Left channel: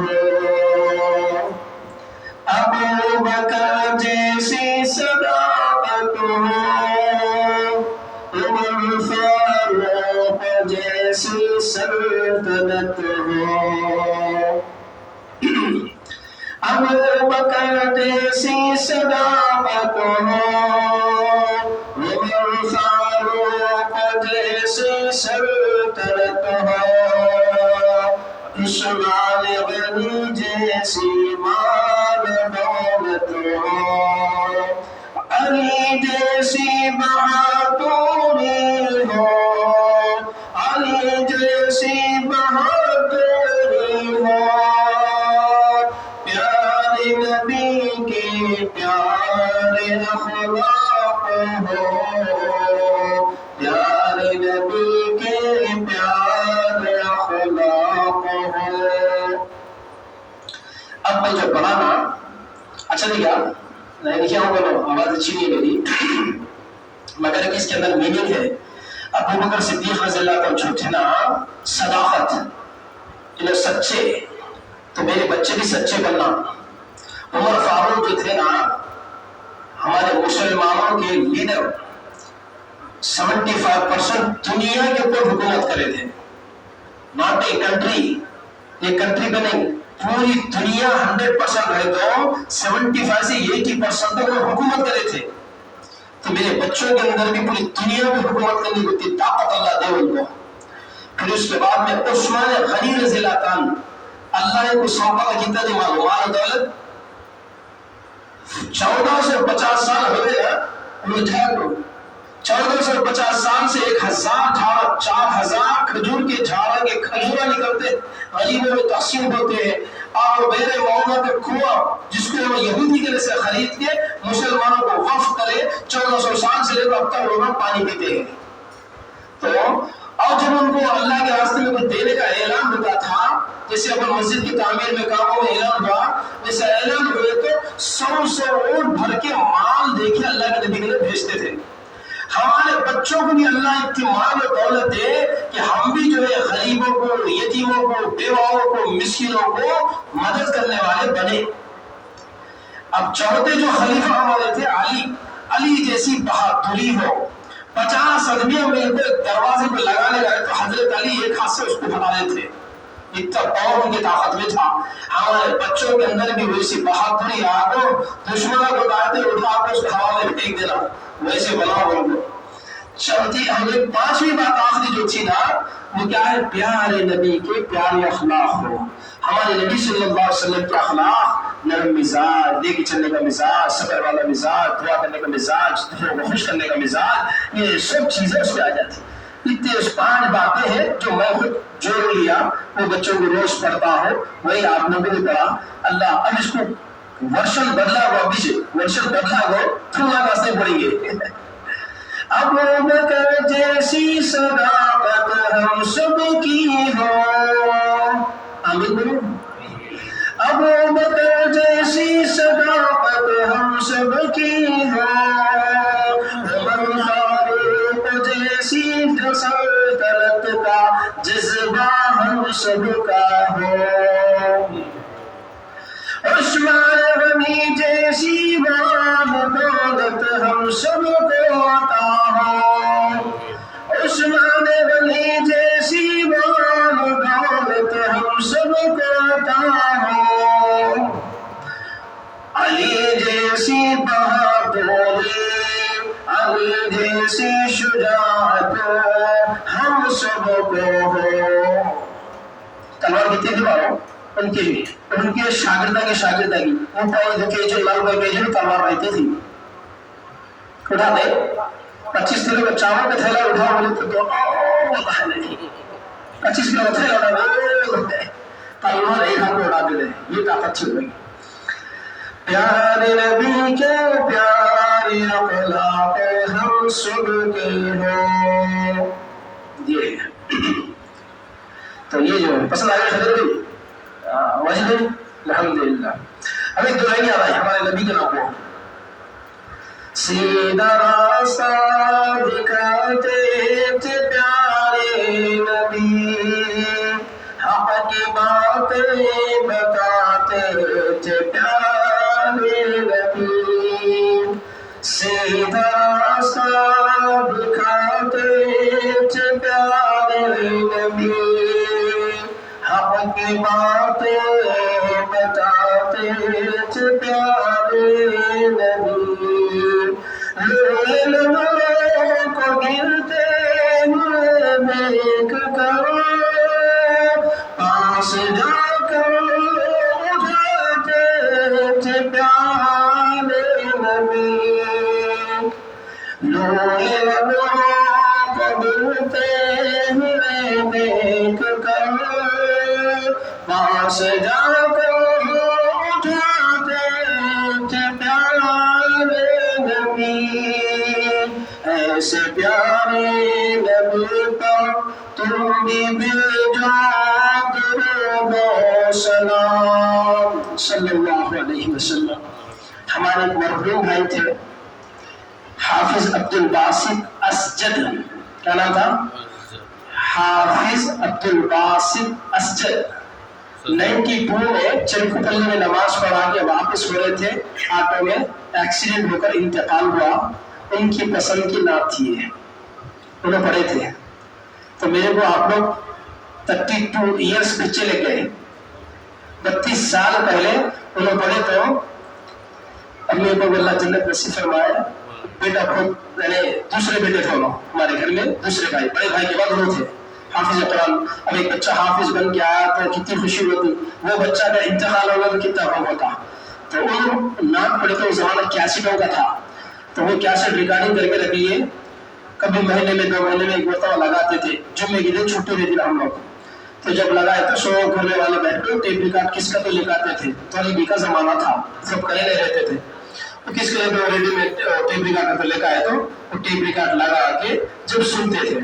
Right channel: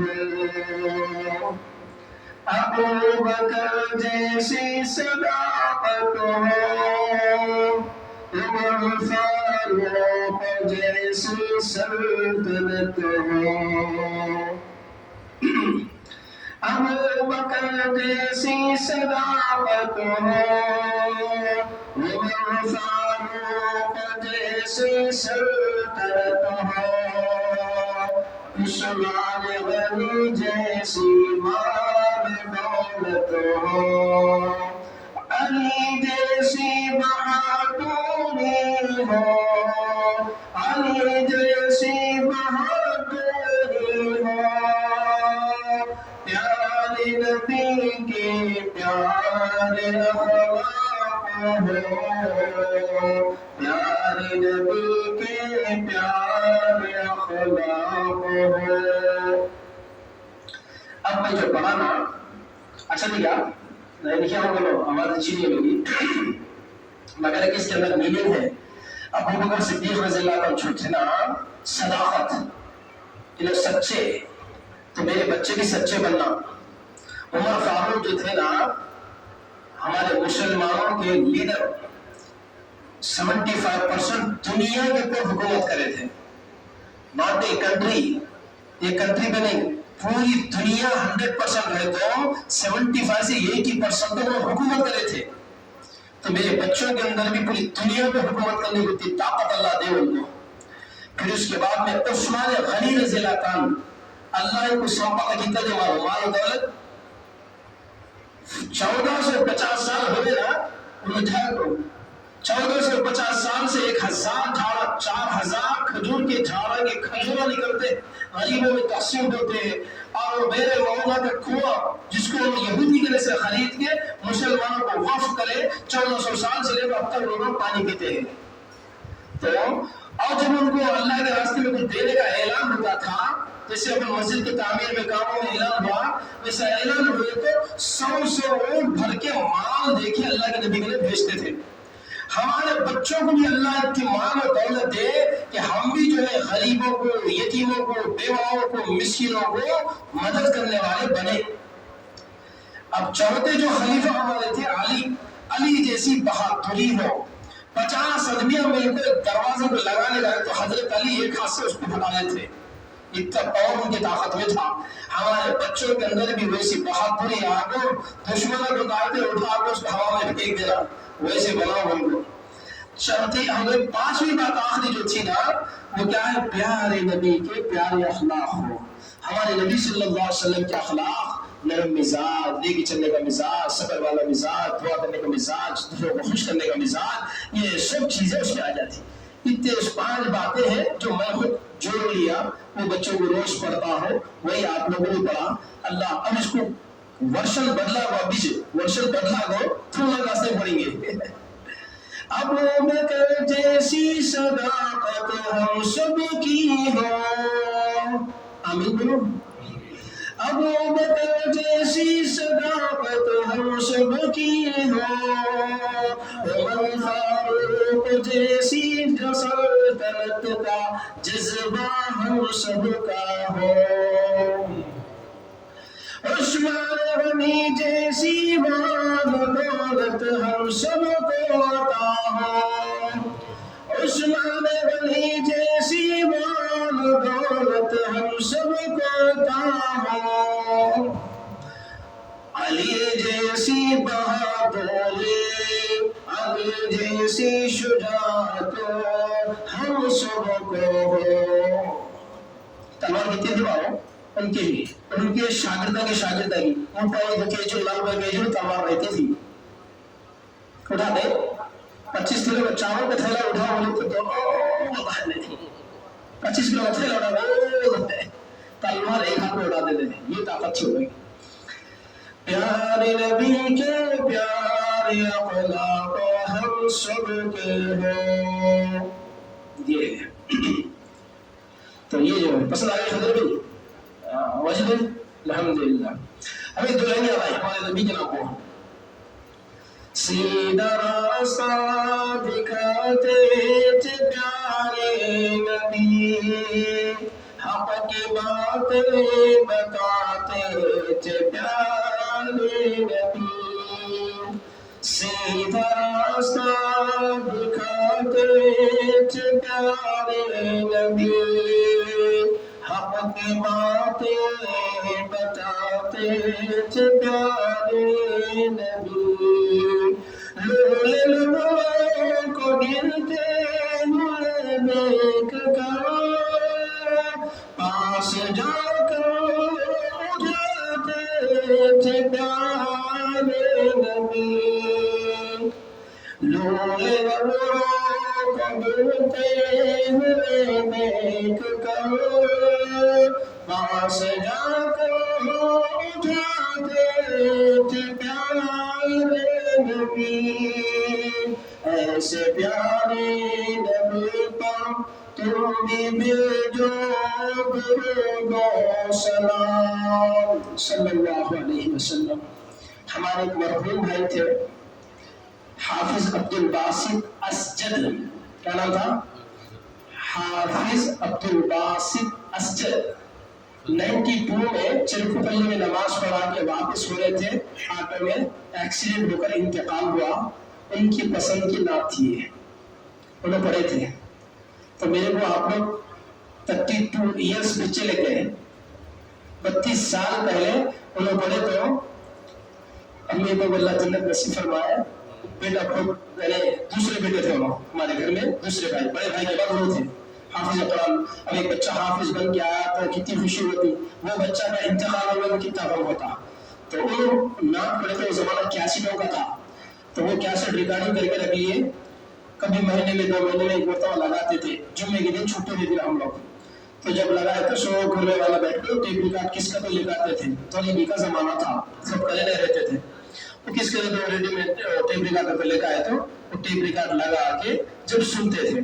ہو، ابو بکر جیسی صداقت ہو، عمر فاروق جیسی سلطنت ہو، ابو بکر جیسی صداقت ہو، عمر فاروق جیسی سلطنت ہو، عثمان غنی جیسی مال دولت ہو، علی جیسی بہادری ہو، علی جیسی بہادری ہو، پیارے نبی کے پیارے اخلاق ہو، پیارے نبی کے پیارے اخلاق ہو۔ اب میں جو پڑھا نا اچھا نہیں کیا نہیں لکھا ہوگا تو آواز اچھی نہیں ہے میری، مگر اس کے اندر میننگ ہے۔ ابو بکر صدیق رضی اللہ عنہ جو تھے نا صداقت، جو سچے، تو میرے بچے بھی سچے بننا۔ عمر فاروق جو تھے نا ہمارے مسلمانوں کے لیڈر، 75% دنیا کے اوپر حکومت کرے تھے، ناٹ اے کنٹری، ایک کنٹری پہ نہیں، پوری دنیا 100% رہے تو 75 سے 80% تک وہ حکومت کرے تھے۔ تو میرے بچوں کے اندر بھی پوری دنیا پہ حکومت کرنے کی طاقت اللہ دے ان کو۔ پھر اس کے بعد میں عثمان غنی رضی اللہ عنہ، اللہ نے کو سونپا کیتا دی مال و دولت، 14 سے 50 سال ہو گئے نا، 14 سے 50 سال سے 1000 جھاڑا، 4000 کھجور کے جھاڑا کے کھجورا نکلتے، غریبوں میں تقسیم ہوتے ہیں، اور بیر معونہ کا کنواں جس کو یہودی کے سے خرید کے مسلمانوں کو وقف کرے، 1400 سال سے لے کر اب تک لوگ پانی پیتے ہیں۔ تو اور جب ان کو اللہ کے راستے میں کچھ دینے کا اعلان ہوتا تھا، جیسے اپن مسجد کی تعمیر میں کاموں میں اعلان ہوا، ویسے اعلان ہوئے تو 100 اونٹ بھر کے مال دے کے اللہ کے نبی کے لیے بھیجتے تھے۔ ہمارے بچوں کو بھی اللہ اتنی مال و دولت دے کہ ہم بھی جو ہے غریبوں کو، یتیموں کو، بیواؤں کو، مسکینوں کو مدد کرنے والے بنے۔ اب چوتھے جو خلیفہ ہمارے تھے علی جیسی بہادری ہو، 50 آدمیوں میں دروازے کو لگانے گئے تو حضرت علی ایک ہاتھ سے اس کو ہٹانے تھے، اتنا پاور ان کی طاقت میں تھا۔ ہمارے بچوں کے اندر بھی ویسی بہادری آ کو دشمنوں کو دائتے اٹھا کے اس کو ہوا میں پھینک دینا، ویسے بناؤ ان کو۔ چوتھی ہمیں 5ویں بات آخری جو تھی نا وہ کیا ہے؟ پیارے نبی کے پیارے اخلاق ہو۔ ہمارے نبی صلی اللہ علیہ وسلم کے اخلاق، نرم مزاج، لے کے چلنے کا مزاج، صبر والا مزاج، دعا کرنے کا مزاج، دوسروں کو خوش کرنے کا مزاج، یہ سب چیزیں اس پہ آ جاتی۔ اتنے 5 باتیں ہیں جو میں خود جوڑ لیا، وہ بچوں کو روز پڑھتا ہوں، وہی آپ لوگوں نے پڑھا۔ اللہ اب اس کو ورشن بدلا ہوا، پیچھے ورشن بدلا ہو تھوڑا واسطے پڑھیں گے۔ ابو بکر جیسی صداقت ہم سب کی ہو، آمین بولو۔ ابو بکر جیسی صداقت ہم سب کی ہو، عمر فاروق جیسی سلطنت کا جذبہ ہم سب کا ہو، عثمان غنی جیسی مال دولت ہم سب کو عطا ہو، عثمان غنی جیسی مال دولت ہم سب کو عطا ہو، علی جیسی بہادری، علی جیسی شجاعت ہم سب کو ہو۔ تلوار کتنی تھی بارو ان کے بھی، ان کے شاگردہ کی وہ پائی دھکے جو لال بھائی کے جو تلوار رہتی تھی، اٹھا دے 25 کلو کا چاول کا تھیلا اٹھا بولے تو 25 کلو کا تھیلا اٹھا تلوار ایک ہاتھ میں اڑاتے تھے، یہ طاقت تھی ہوئی۔ پیارے نبی کے پیارے اخلاق ہم سب کے ہو، یہ تو یہ جو ہے پسند آئے حضرت بھی وجہ الحمدللہ۔ اب ایک دلائیں آ رہا ہے ہمارے نبی کے نام کو، سیدھا راستہ دکھاتے تھے پیارے نبی، حق کی باتیں راستہ دکھاتے تھے پیارے نبی، حق کی باتیں بتاتے تھے پیارے نبی، لوگوں کو گرتے ہوئے دیکھ کر پاس جا کر اٹھاتے تھے پیارے نبی، لوگوں کو گرتے ہوئے دیکھ کر پاس جا کر اٹھاتے تھے پیارے نبی، ایسے پیارے نبی پر تم بھی بھیجو درود و سلام صلی اللہ علیہ وسلم۔ ہمارے ایک مرحوم بھائی تھے حافظ عبد الباسط اسجد، کیا نام تھا؟ حافظ عبد الباسط اسجد 92 میں چرکوپلی میں نماز پڑھا کے واپس ہو رہے تھے، آٹو میں ایکسیڈنٹ ہو کر انتقال ہوا۔ ان کی پسند کی نعت تھی یہ، انہوں پڑھے تھے، تو میرے کو آپ لوگ 32 ایئرس پیچھے لے گئے، 32 سال پہلے انہوں پڑھے، تو امی ابو اللہ جنت نصیب فرمائے، بیٹا خود دوسرے بیٹے تھے انہوں ہمارے گھر میں، دوسرے بھائی، بڑے بھائی کے بعد وہ تھے حافظ قرآن۔ اب ایک بچہ حافظ بن کے آیا تو کتنی خوشی ہوتی، وہ بچہ کا انتقال ہوگا تو کتنا غم ہوتا۔ تو وہ نعت پڑھے تو زمانہ 81 کا تھا، تو وہ 81 ریکارڈنگ کر کے رکھ لیے، کبھی مہینے میں 2 مہینے میں ایک مرتبہ لگاتے تھے، جمعے کے دن چھٹی رہتی نا ہم لوگ، تو جب لگائے تو سو گھر والے بیٹھ کے ٹیپ ریکارڈ کس کا تو لکھاتے تھے، طالبی کا زمانہ تھا، سب کرے نہیں رہتے تھے، وہ کس کے لیے ریڈی میں ٹیپ ریکارڈ لے کے آئے تو وہ ٹیپ ریکارڈ لگا کے جب سنتے تھے